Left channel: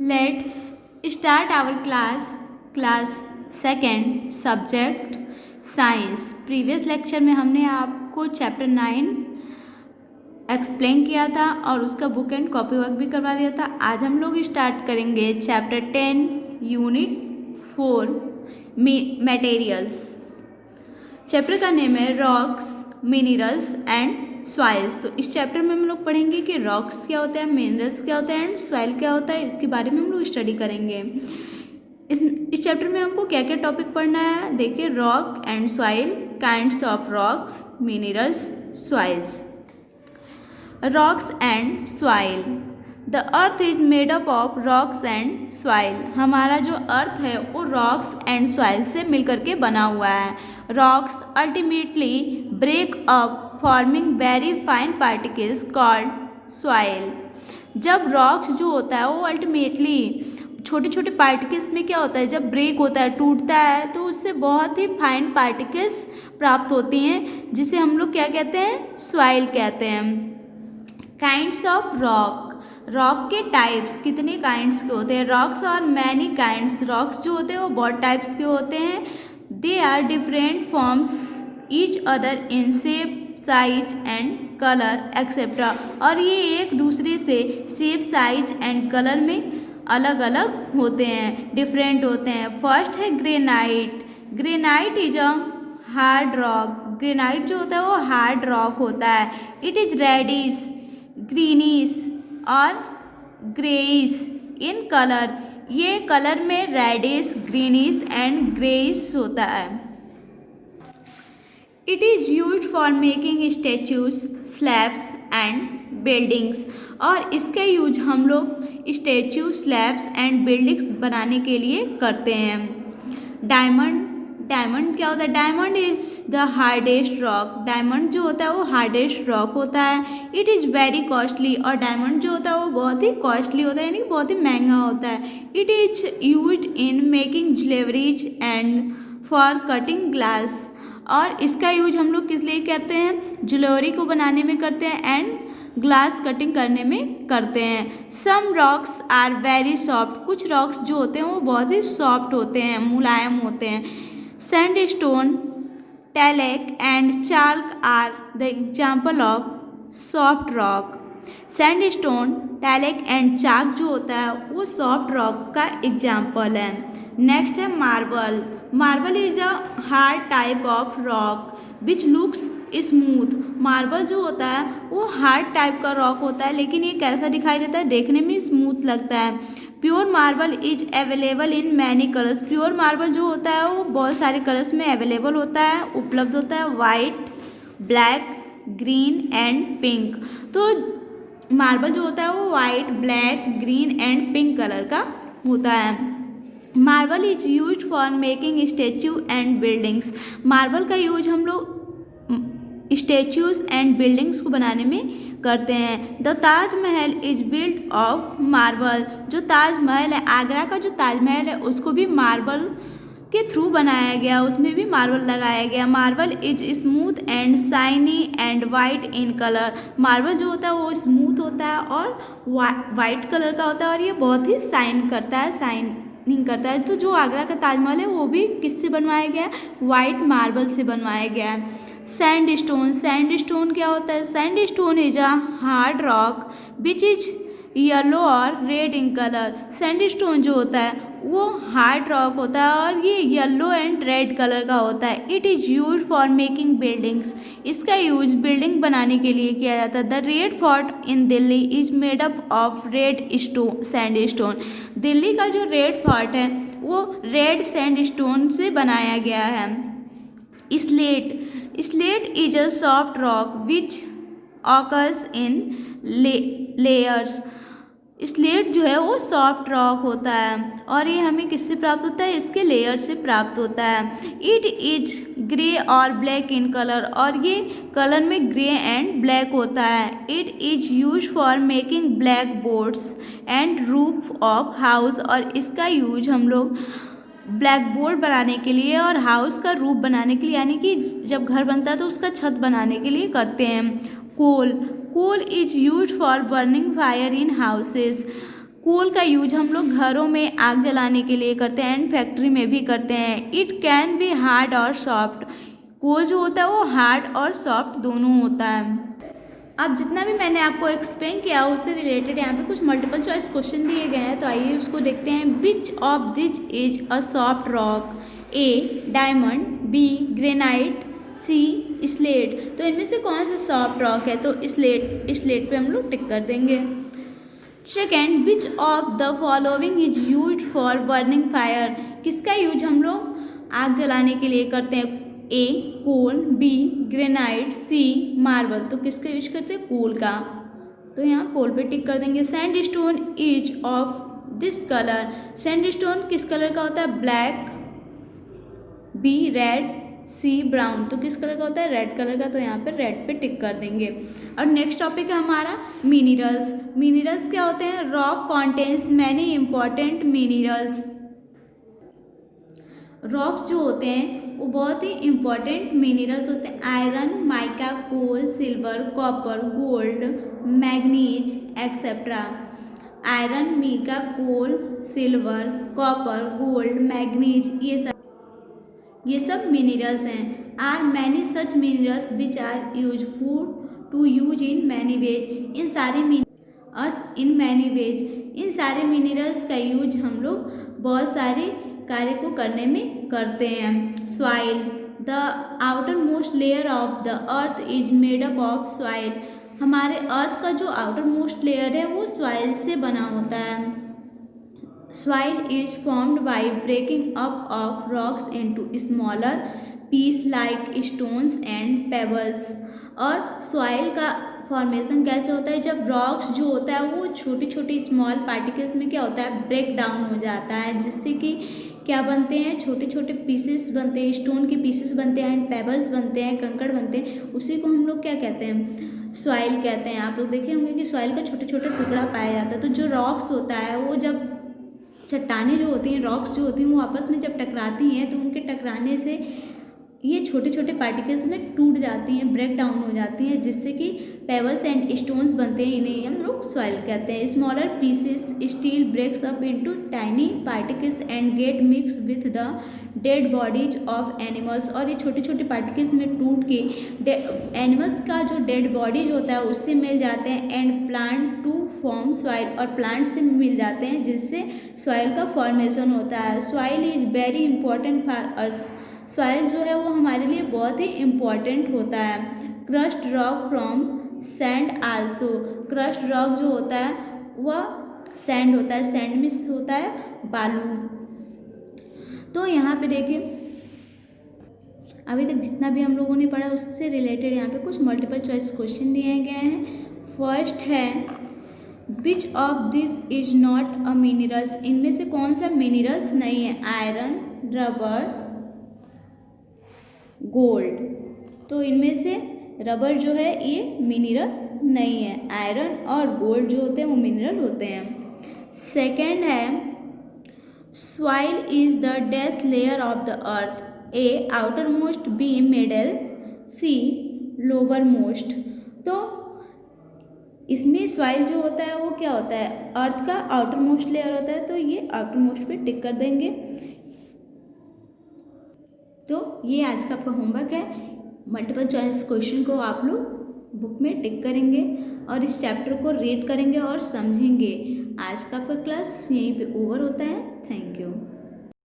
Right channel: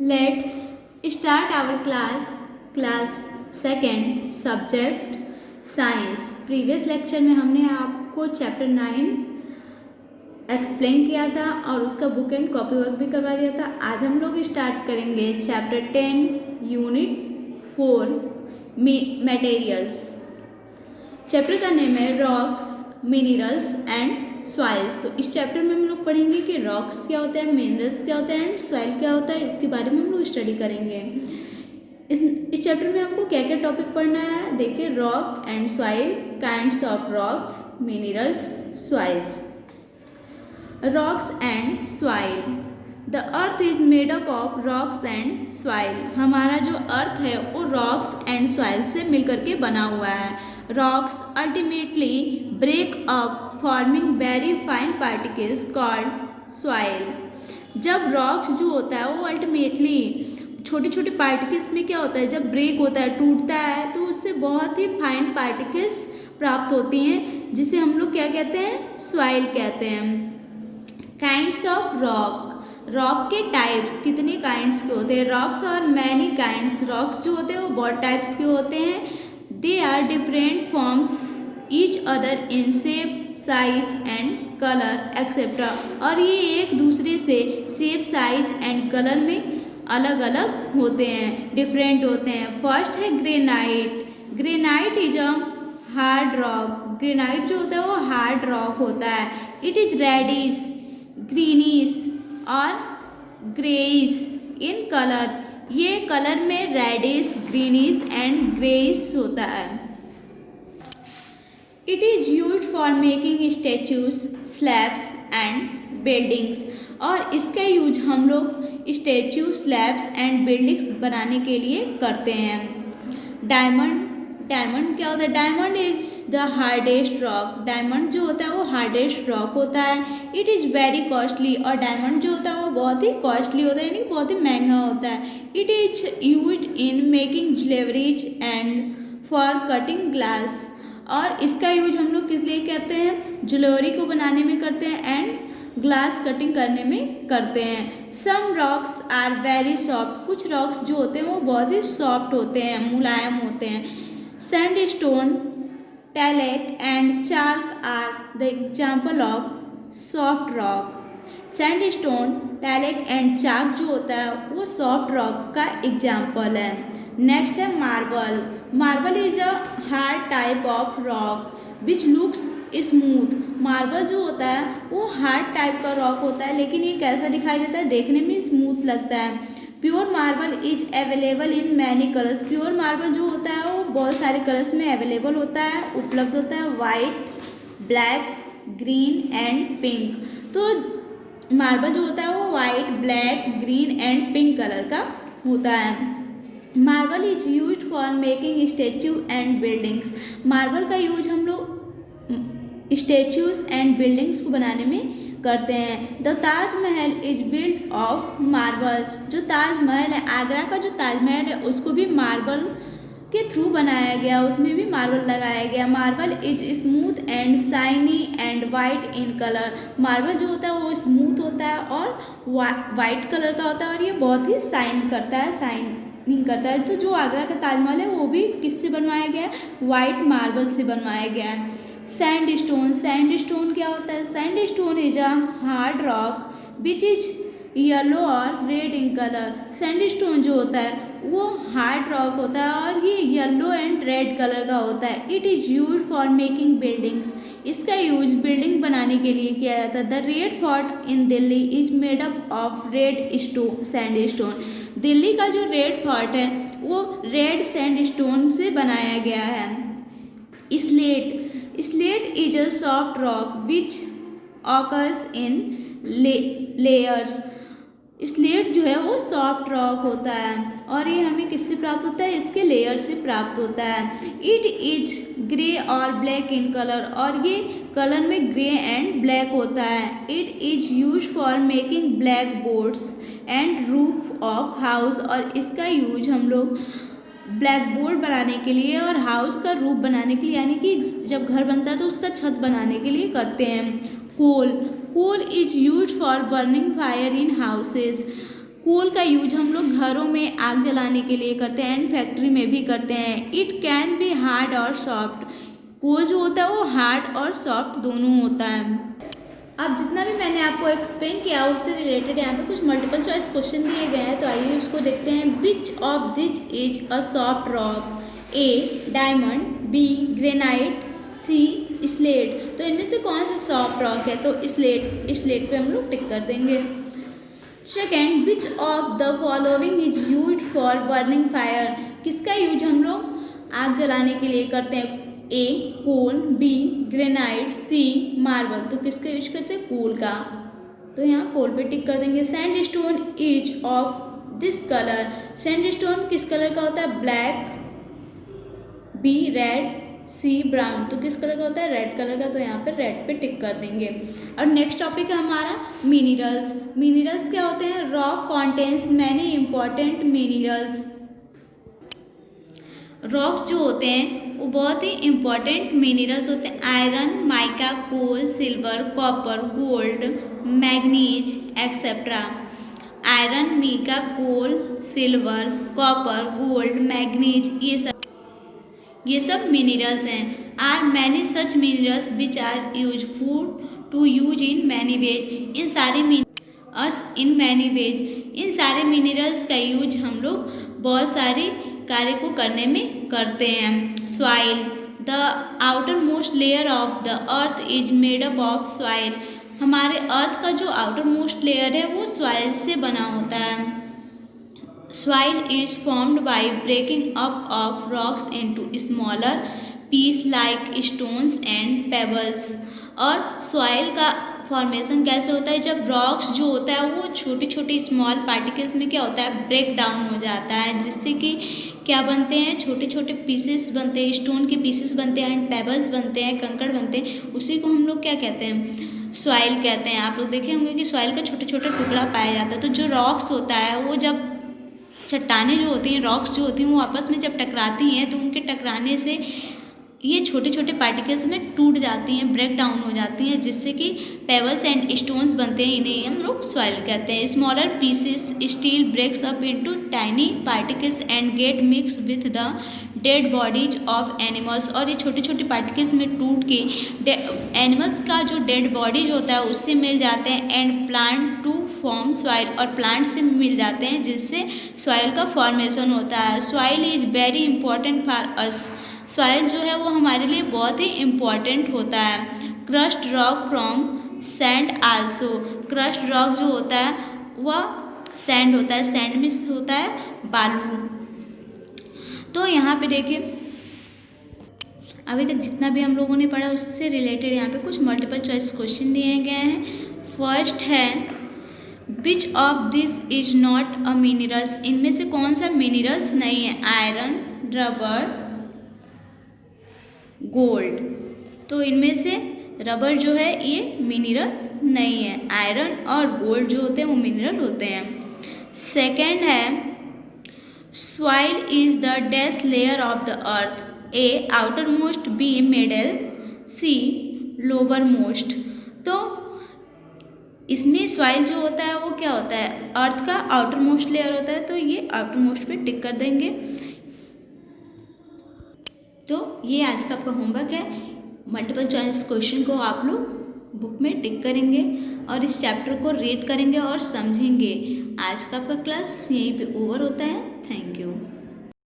Let's start our class second subject science। Previous lecture में हमने आपको चैप्टर 9 एक्सप्लेन किया था और उसका बुक एंड कॉपी वर्क भी करवा दिया था। आज हम लोग स्टार्ट करेंगे चैप्टर 10 यूनिट 4 मटेरियल्स। चैप्टर का नेम है रॉक्स मिनरल्स एंड सॉइल्स। तो इस चैप्टर में हम लोग पढ़ेंगे कि रॉक्स क्या होते हैं, मिनरल्स क्या होते हैं एंड सॉइल क्या होता है। इसके बारे में हम लोग स्टडी करेंगे। इस चैप्टर में हमको क्या क्या टॉपिक पढ़ना है देखिए। Rock and soil, kinds of rocks, minerals, soils. Rocks and soil. The earth is made up of rocks and soil. हमारा जो अर्थ है वो रॉक्स एंड सॉइल से मिलकर के बना हुआ है। Rocks ultimately break up forming very fine particles called soil. जब रॉक्स जो होता है वो अल्टीमेटली छोटे छोटे पार्टिकल्स में क्या होता है, जब ब्रेक होता है, टूटता है, तो उससे बहुत ही फाइन पार्टिकल्स प्राप्त होती हैं, जिसे हम लोग क्या कहते हैं, सॉइल कहते हैं। Kinds of rock. रॉक के टाइप्स कितने काइंड्स के होते हैं। रॉक्स और मैनी काइंड्स। रॉक्स जो होते हैं वो बहुत टाइप्स के होते हैं। They are different forms each other in shape, size and colour etcetera. और ये एक दूसरे से शेप, साइज एंड कलर में अलग अलग होते हैं, डिफरेंट होते हैं। फर्स्ट है granite. Granite is a hard rock. Granite जो होता है वो हार्ड रॉक होता है। इट इज रेडिश, ग्रीनिश और ग्रेइश इन कलर। ये कलर में रेडिश, ग्रीनिश एंड ग्रेइश होता है। It is used for making statues, slabs and buildings. और इसका यूज हम लोग स्टैचू, स्लैब्स एंड बिल्डिंग्स बनाने के लिए करते हैं। डायमंड। डायमंड क्या होता है। Diamond is the hardest rock. Diamond जो होता है वो हार्डेस्ट रॉक होता है। It is very costly. और डायमंड जो होता है वो बहुत ही कॉस्टली होता है, यानी बहुत ही महंगा होता है। It is used in making jewelleries and for cutting glass. और इसका यूज हम लोग किस लिए करते हैं, ज्वेलरी को बनाने में करते हैं एंड ग्लास कटिंग करने में करते हैं। सम रॉक्स आर वेरी सॉफ्ट। कुछ रॉक्स जो होते हैं वो बहुत ही सॉफ्ट होते हैं, मुलायम होते हैं। Sandstone, talc and chalk are the example of soft rock. Sandstone, talc and chalk जो होता है वो सॉफ्ट रॉक का एग्जाम्पल है। नेक्स्ट है marble. Marble is a hard type of rock which looks smooth. Marble जो होता है वो हार्ड टाइप का रॉक होता है, लेकिन ये कैसा दिखाई देता है, देखने में स्मूथ लगता है। Pure marble is available in many colours. Pure marble जो होता है वो बहुत सारे कलर्स में अवेलेबल होता है, उपलब्ध होता है। White, black, green and pink. तो मार्बल जो होता है वो white, black, green and pink colour का होता है। Marble is use for making statue and buildings. Marble का यूज हम लोग स्टेच्यूज एंड बिल्डिंग्स को बनाने में करते हैं। The Taj Mahal is built of marble. जो ताजमहल है, आगरा का जो ताजमहल है, उसको भी मार्बल के थ्रू बनाया गया, उसमें भी मार्बल लगाया गया। Marble is smooth and shiny and white in colour. Marble जो होता है वो स्मूथ होता है और वाइट कलर का होता है, और ये बहुत ही शाइन करता है, शाइनिंग करता है। तो जो आगरा का ताजमहल है वो भी किससे बनवाया गया, वाइट मार्बल से बनवाया गया है। सैंडस्टोन। सैंडस्टोन क्या होता है। Sandstone is a hard rock which is yellow और रेड इन कलर। सैंडस्टोन जो होता है वो हार्ड रॉक होता है और ये येलो एंड रेड कलर का होता है। It is use for making buildings. इसका यूज बिल्डिंग बनाने के लिए किया जाता है। The red fort in Delhi is made up of red sandstone. Delhi का जो रेड फोर्ट है वो रेड सैंडस्टोन से बनाया गया है। Slate. Slate is a soft rock which occurs in layers. Slate जो है वो सॉफ्ट रॉक होता है और ये हमें किससे प्राप्त होता है, इसके लेयर से प्राप्त होता है। इट इज ग्रे और ब्लैक इन कलर। और ये कलर में ग्रे एंड ब्लैक होता है। It is use for making black boards and roof of house. और इसका यूज हम लोग ब्लैक बोर्ड बनाने के लिए और हाउस का रूफ बनाने के लिए, यानी कि जब घर बनता है तो उसका छत बनाने के लिए करते हैं। Coal. Coal is use for burning fire in houses. Coal का यूज हम लोग घरों में आग जलाने के लिए करते हैं एंड फैक्ट्री में भी करते हैं। इट कैन बी हार्ड और सॉफ्ट। कोल जो होता है वो हार्ड और सॉफ्ट दोनों होता है। अब जितना भी मैंने आपको एक्सप्लेन किया उससे रिलेटेड यहाँ पे कुछ मल्टीपल चॉइस क्वेश्चन दिए गए हैं, तो आइए उसको देखते हैं। Which of this is a soft rock? A diamond, B granite, C slate. तो इनमें से कौन सा सॉफ्ट रॉक है? तो स्लेट पे हम लोग टिक कर देंगे। Second, which of the following is use for burning fire? किसका यूज हम लोग आग जलाने के लिए करते हैं? ए कोल, बी ग्रेनाइट, सी मार्बल। तो किसका यूज करते हैं? कोल का। तो यहाँ कोल पे टिक कर देंगे। Sand stone is of this colour? Sand stone किस कलर का होता है? ब्लैक, बी रेड, सी ब्राउन। तो किस कलर का होता है? रेड कलर का। तो यहाँ पे रेड पे टिक कर देंगे। और नेक्स्ट टॉपिक है हमारा मिनरल्स। मिनरल्स क्या होते हैं? Rock contains many important minerals. Rocks जो होते हैं वो बहुत ही इंपॉर्टेंट मिनरल्स होते हैं। Iron, mica, coal, silver, copper, gold, manganese etcetera. Iron, mica, coal, silver, copper, gold, manganese, ये सब मिनरल्स हैं। Are many such minerals which are useful to use in many ways. इन सारे इन सारे मिनरल्स का यूज हम लोग बहुत सारे कार्य को करने में करते हैं। Soil, the outer most layer of the earth is made up of soil. हमारे अर्थ का जो आउटर मोस्ट लेयर है वो सॉइल से बना होता है। Soil is formed by breaking up of rocks into smaller pieces like stones and pebbles। और सॉइल का फॉर्मेशन कैसे होता है? जब रॉक्स जो होता है वो छोटी छोटी स्मॉल पार्टिकल्स में क्या होता है? ब्रेक डाउन हो जाता है, जिससे कि क्या बनते हैं? छोटे छोटे पीसेस बनते हैं, स्टोन के पीसेस बनते हैं एंड पेबल्स बनते हैं, कंकड़ बनते हैं। उसी को हम लोग क्या कहते हैं? सॉइल कहते हैं। आप लोग देखे होंगे कि सॉइल का छोटे छोटे टुकड़ा पाया जाता है। तो जो रॉक्स होता है वो जब चट्टानें जो होती हैं, रॉक्स जो होती हैं, वो आपस में जब टकराती हैं तो उनके टकराने से ये छोटे छोटे पार्टिकल्स में टूट जाती हैं, ब्रेक डाउन हो जाती हैं, जिससे कि पेबल्स एंड स्टोन्स बनते हैं। इन्हें हम लोग सॉइल कहते हैं। Smaller pieces still breaks up into tiny particles and get mix with the dead bodies of animals. और ये छोटे छोटे पार्टिकल्स में टूट के एनिमल्स का जो डेड बॉडीज होता है उससे मिल जाते हैं and plant to form soil. और प्लांट से मिल जाते हैं जिससे सॉइल का फॉर्मेशन होता है। Soil is very important for us. Soil जो है वो हमारे लिए बहुत ही इम्पॉर्टेंट होता है। Crust rock from sand also. Crust rock जो होता है वह सैंड होता है, सैंड में होता है बालू। तो यहाँ पे देखिए अभी तक जितना भी हम लोगों ने पढ़ा उससे रिलेटेड यहाँ पे कुछ मल्टीपल चॉइस क्वेश्चन दिए गए हैं। फर्स्ट है विच of this is not a minerals? इनमें से कौन सा मिनरल्स नहीं है? Iron, rubber, gold. तो इनमें से रबर जो है ये मिनरल नहीं है। आयरन और गोल्ड जो होते हैं वो मिनरल होते हैं। सेकंड है soil is the dash layer of the earth? A outer most, B middle, C lower most. तो इसमें सॉइल जो होता है वो क्या होता है? अर्थ का आउटर मोस्ट लेयर होता है। तो ये आउटर मोस्ट पे टिक कर देंगे। तो ये आज का आपका होमवर्क है। मल्टीपल चॉइस क्वेश्चन को आप लोग बुक में टिक करेंगे और इस चैप्टर को रीड करेंगे और समझेंगे। आज का आपका क्लास यहीं पे ओवर होता है। Thank you.